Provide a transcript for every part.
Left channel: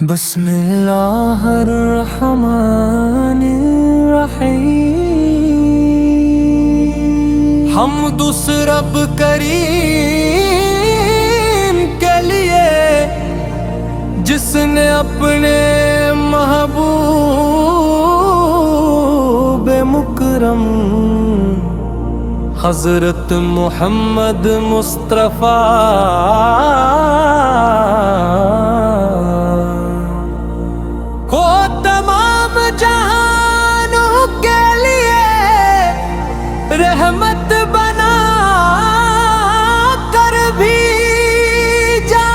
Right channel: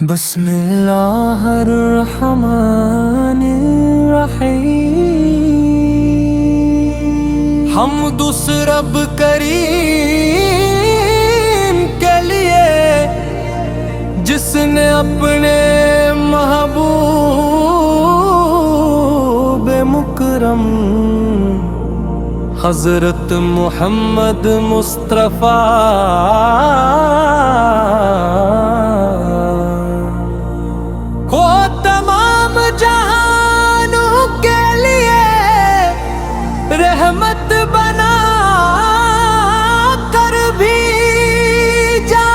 بسم اللہ الرحمن الرحیم، حمد اس رب کریم کے لیے جس نے اپنے محبوب مکرم حضرت محمد مصطفیٰ کو تمام جہانوں کے لیے رحمت بنا کر بھیجا،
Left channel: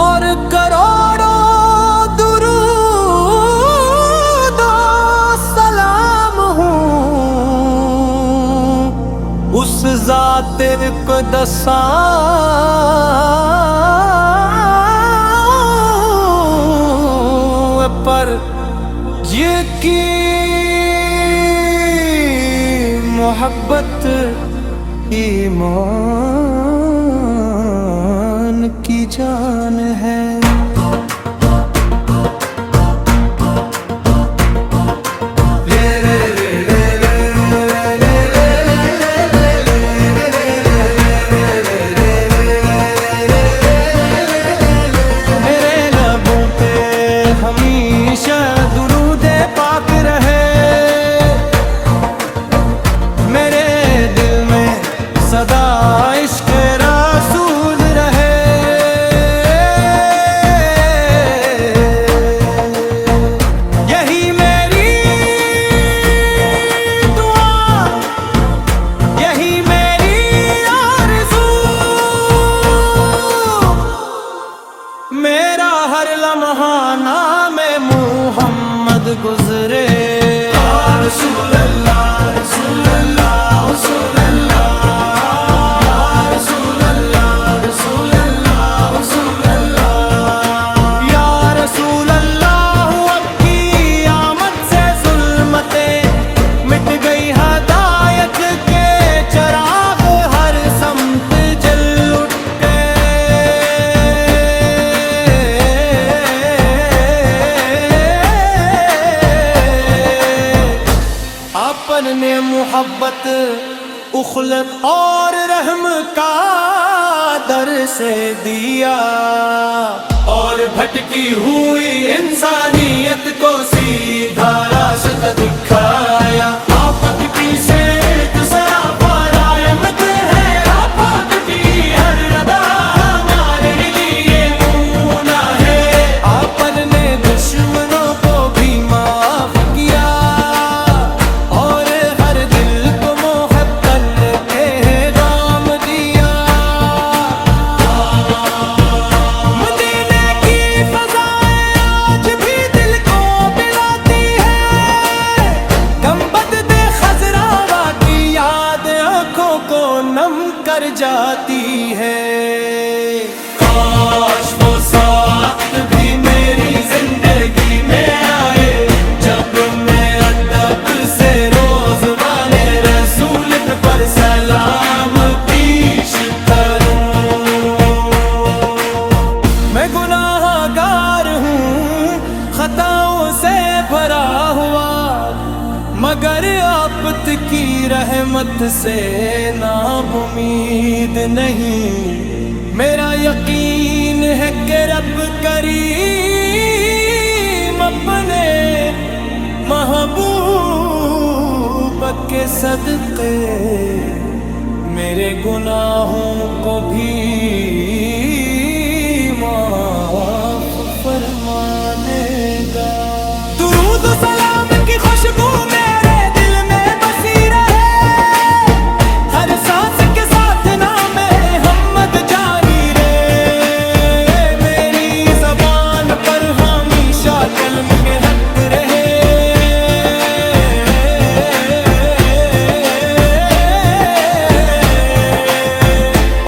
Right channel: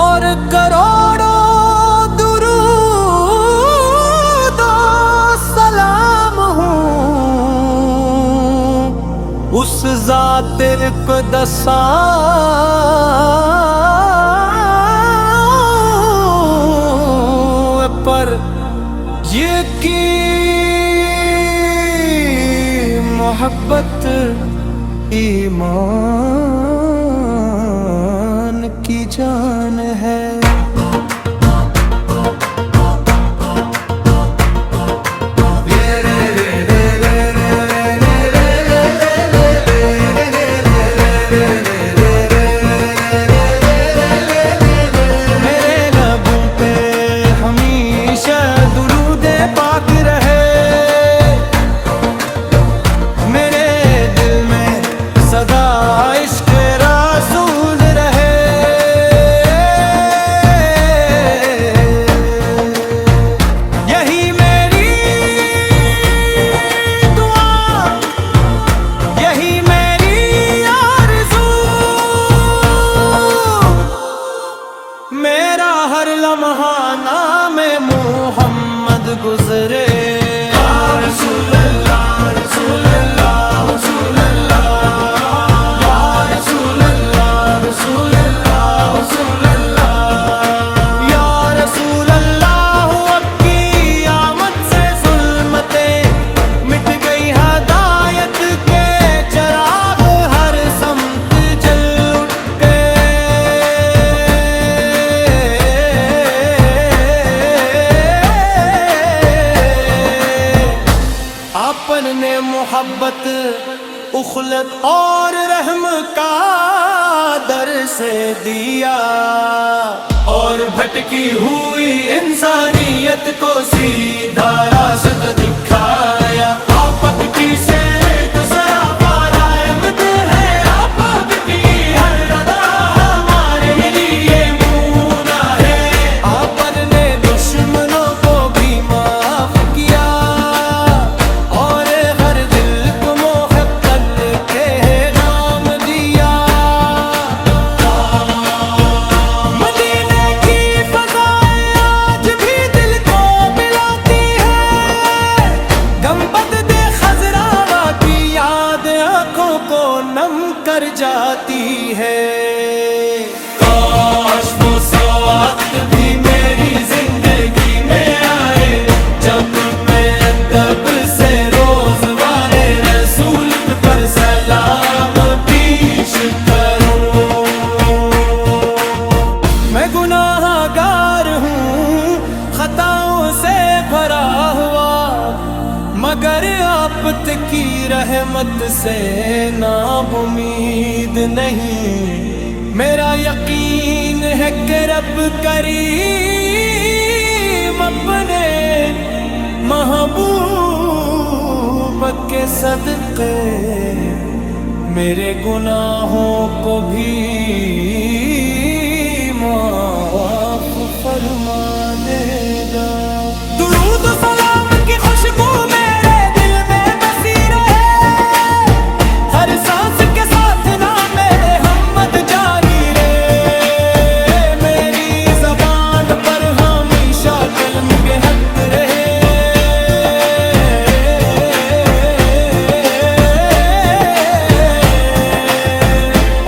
اور کروڑوں درود و سلام ہوں اس ذات اقدساں پر یہ کی محبت ایمان کی جان ہے۔ ہمیشہ درود پاک رہے، میرے دل میں صدا عشق رسول رہے، یہی میری دعا، یہی میری آرزو، میرا ہر لمحہ نام محمد گزرے۔ یا رسول اللہ رسول اللہ رسول اللہ، یا رسول اللہ رسول اللہ رسول اللہ، یا رسول اللہ اب کی آمد سے ظلمتیں مٹ گئی، ہدایت کے چراغ ہر سمت جل اٹھ نے محبت اخلت اور رحم کا در سے دیا، اور بھٹکی ہوئی انسانیت کو سیدھا راستہ دکھایا۔ آفت کی سیرت سراپا رحمت ہے، آفت کی ہر ردا ہمارے لیے مونا ہے۔ آپ نے دشمنوں کو بھی معاف کیا، کو نم کر جاتی ہے۔ کاش وہ ساتھ بھی میری زندگی میں آئے، جب میں ادب سے روزوان رسول پر سلام پیش کروں۔ میں گناہ گار ہوں، خطاؤں سے بھرا ہوا، مگر آپت کی رحمت سے ناب امید نہیں۔ میرا یقین ہے کہ رب کریم اپنے محبوب کے صدقے میرے گناہوں کو بھی معاف فرما دے گا۔ درود و سلام کی خوشبو میرے دل میں بسی رہے، ہر سانس کے ساتھ نام محمد جاری رہے، میری زبان پر ہمیشہ کلم کے حق رہے،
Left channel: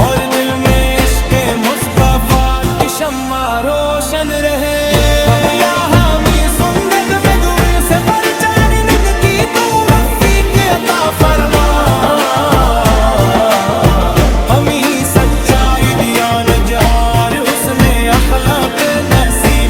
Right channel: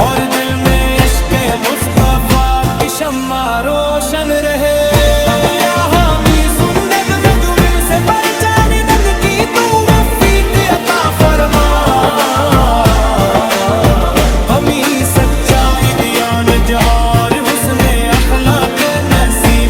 اور دل میں عشق مصطفیٰ کی شمع روشن رہے۔ یا حامی سنت میں دعوی سے پرچانی نن کی تو وفیق عطا فرما، ہمیں سچائی دیان جہار حسن اخلاق نصیب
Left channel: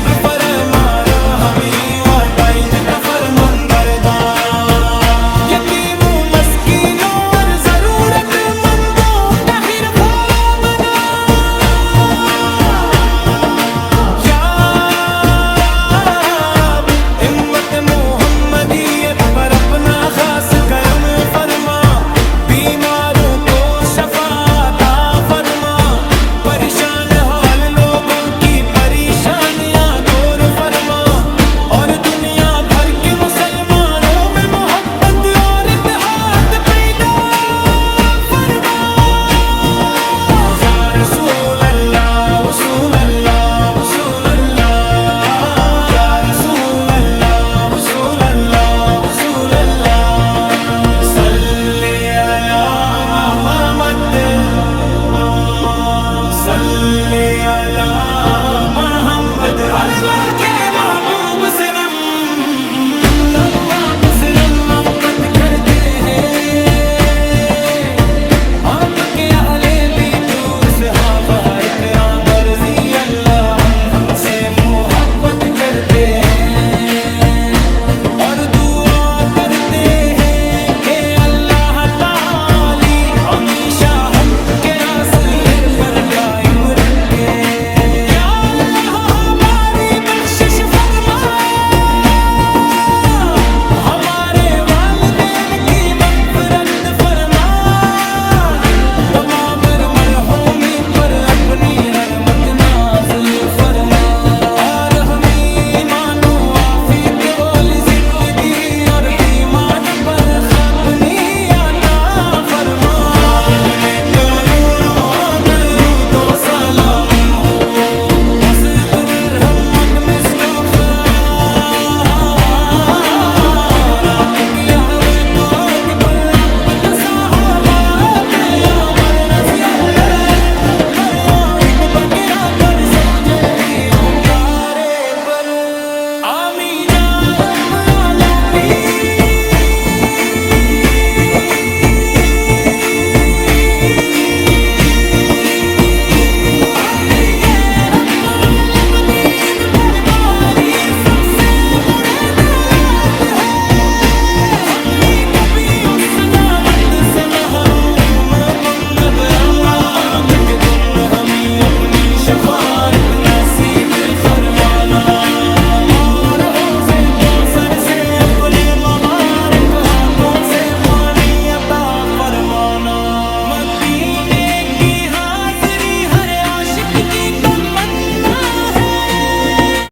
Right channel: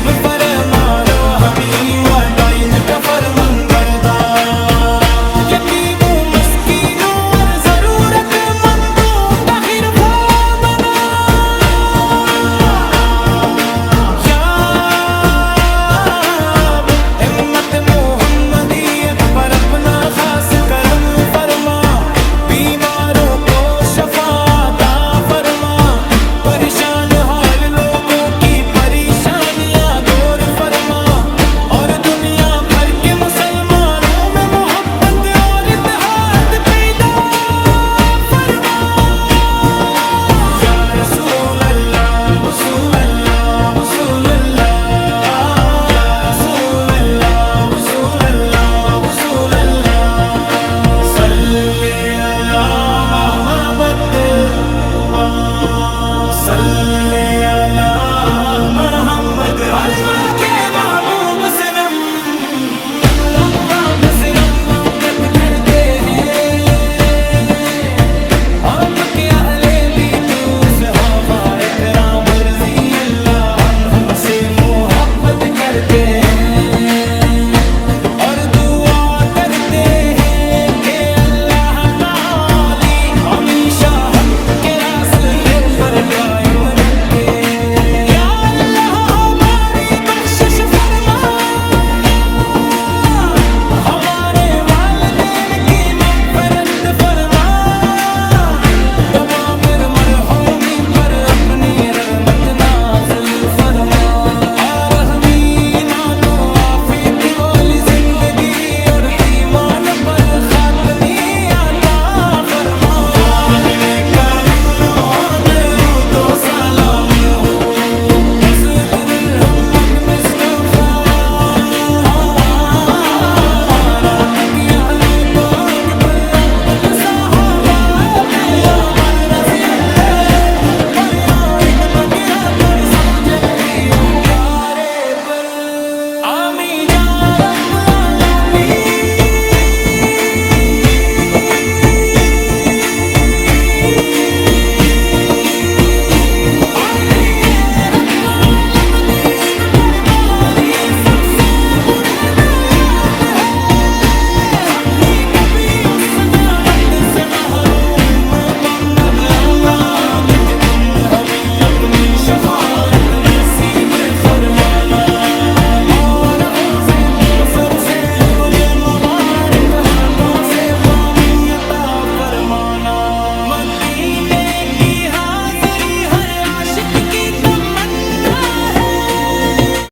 میں